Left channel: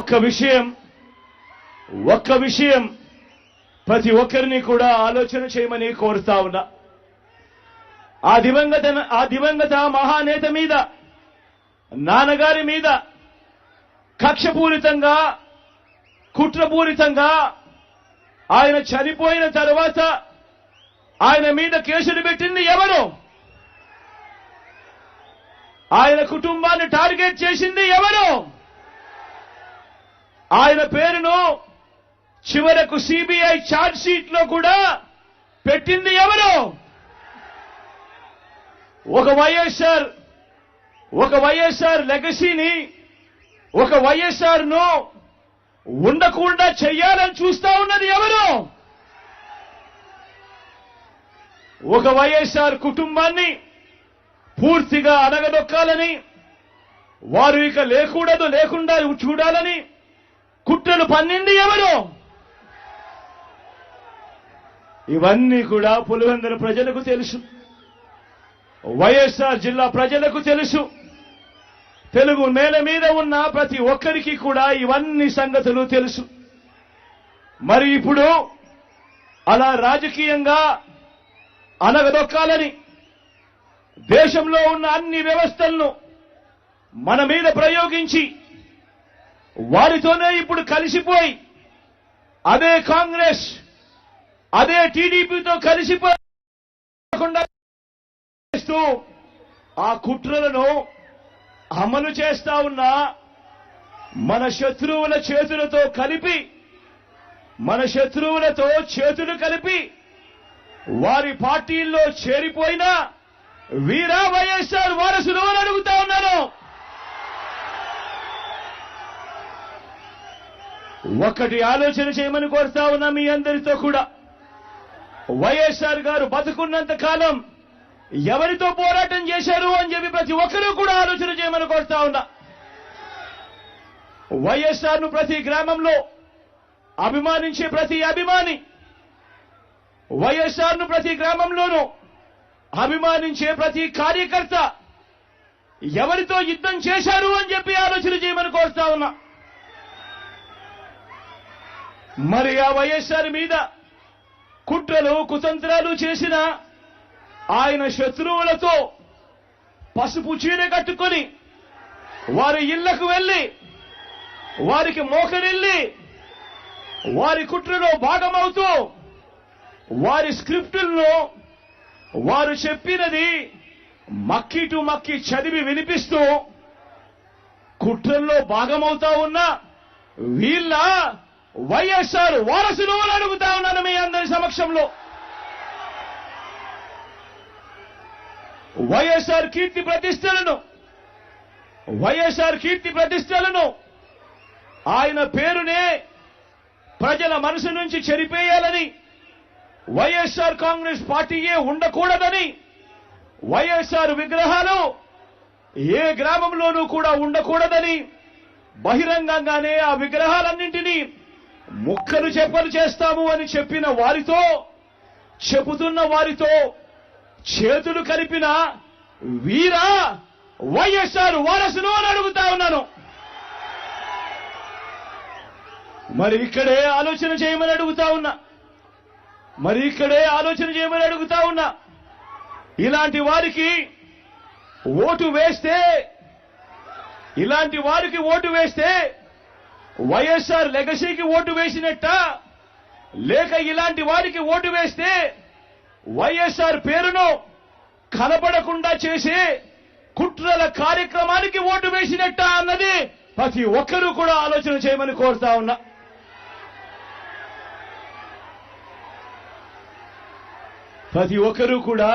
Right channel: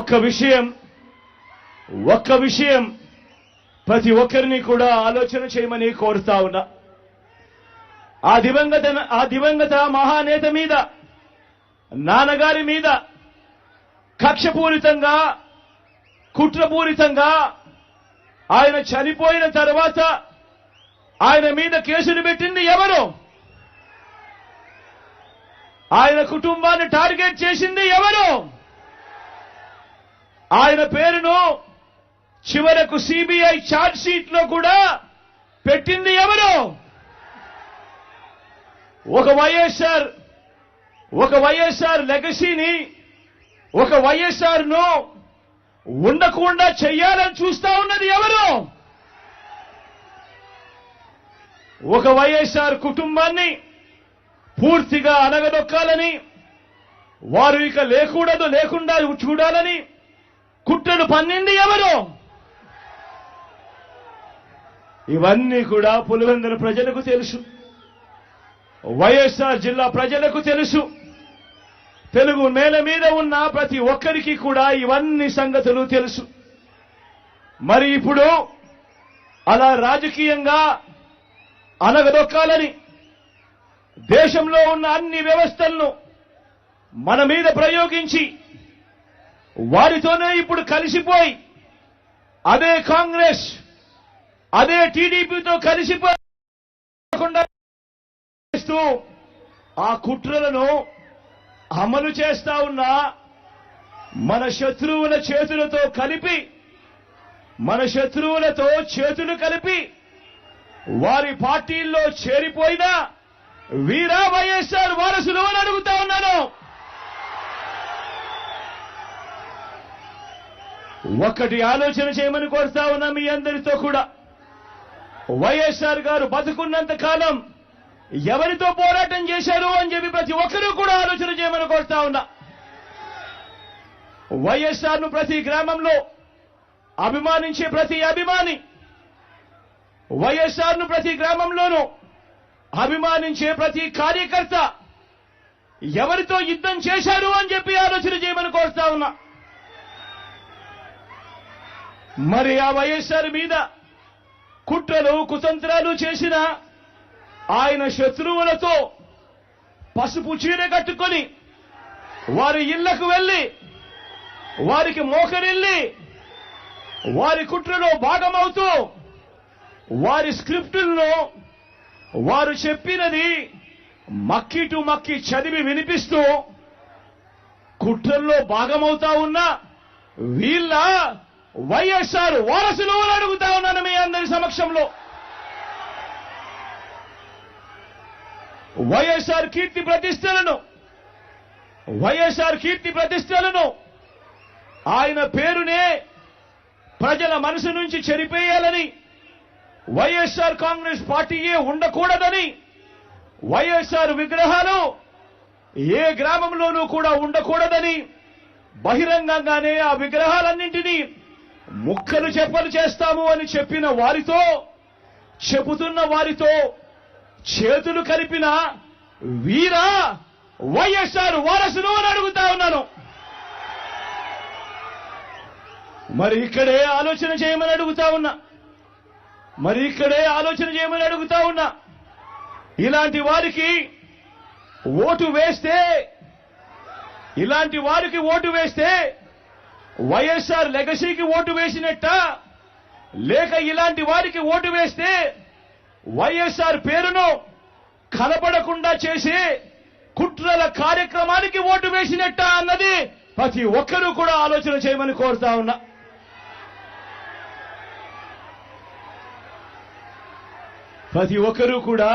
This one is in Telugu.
ఒక్క విషయం ప్రతి ఒక్కరిని కూడా ఆలోచన చేయమని కోరుతా ఉన్నా. ఆ దివంగత మహానేత మీద, నాన్నగారి మీద కక్షపూరితంగా, కుట్రపూరితంగా ఆయన చనిపోయిన తర్వాత ఆయన మీద కేసులు పెట్టింది ఎవరు? ఆయన కుటుంబాన్ని టార్గెట్ చేసింది ఎవరు? ఆయన పేరును చివరకు సిబిఐ ఛార్జ్ షీట్ లో కూడా పెట్టింది ఎవరు? ఒక వైఎస్ఆర్ లెగసీని, ఒక వైఎస్ఆర్ ను ఉండకుండా చెయ్యాలని చూస్తా ఉన్నది ఎవరు? ఒక వైఎస్ఆర్ కుటుంబాన్ని పూర్తిగా అనగదొక్కాలని, వారు ఇక లేకుండా చూడాలని కుట్రలు పన్నింది ఎవరు? ఇవన్నీ కూడా పులివెందుల ప్రజలకు తెలుసు, వైఎస్ఆర్ జిల్లా ప్రజలకు తెలుసు, తెలుగు నేల మీద ఉన్న ప్రతి ఒక్కరికి కూడా ఇవన్నీ సంగతులు తెలుసు. మరి ఇప్పుడు అలా రాజకీయంగా అనగదొక్కాలని దేశంలో ఉన్న అన్ని వ్యవస్థలను మన మీద ప్రయోగించి వారితోనే ఇప్పుడు కలిసిపోయి అదే కాంగ్రెస్, అదే టీడీపీతో కలిసిపోయి ఆ కుట్రలను అమలు చేస్తా ఉన్న మన శత్రువుల చేతులతో కలిపి, మన శత్రువులతో చేతులు కలిపి వారి పార్టీల్లో చేరిపోయిన వీరా వైఎస్ఆర్ వారసులు అని అడుగుతా ఉన్నాను. ఒక్కటి ఆలోచన చేయమని కోరుతా ఉన్నా మీ అందరితో కూడా. వైఎస్ఆర్ గారు బతుకున్నంత కాలం ఎవరితో పోరాటం చేశారు అని చెప్పి ప్రతి ఒక్కరూ కూడా ఆలోచన చేయమని కోరుతా ఉన్నా. వైఎస్ఆర్ ను ప్రతి గ్రామంలో అభిమానించే ప్రతి అభిమాని, వైఎస్ఆర్ ను ప్రతి గ్రామంలోనూ అభిమానించే ప్రతి కార్యకర్త ఎవరితో యుద్ధం చేశారు అని చెప్పి ఆలోచన చేయమని కోరుతా ఉన్నా. మరి ఆ వైఎస్ఆర్ మీద కుట్రలు, కుతంత్రాలు చేసిన ఆయన శత్రువులతో పసుపు చీర కట్టుకొని వారి ఇళ్లకు వెళ్లి వారికి మోకరిల్లి వారి కుట్రలో భాగమవుతూ వారి స్క్రిప్టులను వారు చెప్పినది మక్కి టు మక్కి చదివి వినిపిస్తూ కుట్రల్లో భాగమవుతా ఉన్న వీళ్ళ వైఎస్ఆర్ వారసులు అని అడుగుతా ఉన్నాను మీ అందరి సమక్షంలో. వైఎస్ఆర్ కీర్తి ప్రతిష్టలను ఆయన పేరునే ప్రజల మనసు నుంచి చెరిపేయాలని, వైఎస్ఆర్ కాంగ్రెస్ పార్టీయే ఉండకూడదని, వైఎస్ఆర్ విగ్రహాలు ఏ గ్రామంలోనూ కూడా ఉండకూడదని బహిరంగంగానే ఆ విగ్రహాలన్నింటినీ ముక్కలు చెప్పలు చేస్తాము అని చెబుతున్న వారితో చేతులు కలిపిన వీరా వైఎస్ఆర్ వారసులు అని అడుగుతా ఉన్నాను. మరి ఇక్కడే ఆలోచన చేయమని అడుగుతా ఉన్నా. ఇలాంటి వారికి ఓటు వేస్తే వైఎస్ఆర్ లెగసీకి ఓటు వేసినట్ట, లేక ఇలాంటి వారికి ఓటు వేస్తే వైఎస్ఆర్ పేరును కనబడకుండా చేసే కుట్రల కార్యక్రమానికి ఓటు వేసినట్ట అన్నది ప్రతి ఒక్కరూ కూడా ఆలోచన చేయమని కోరుతా ఉన్నా. ప్రతి ఒక్కరూ కూడా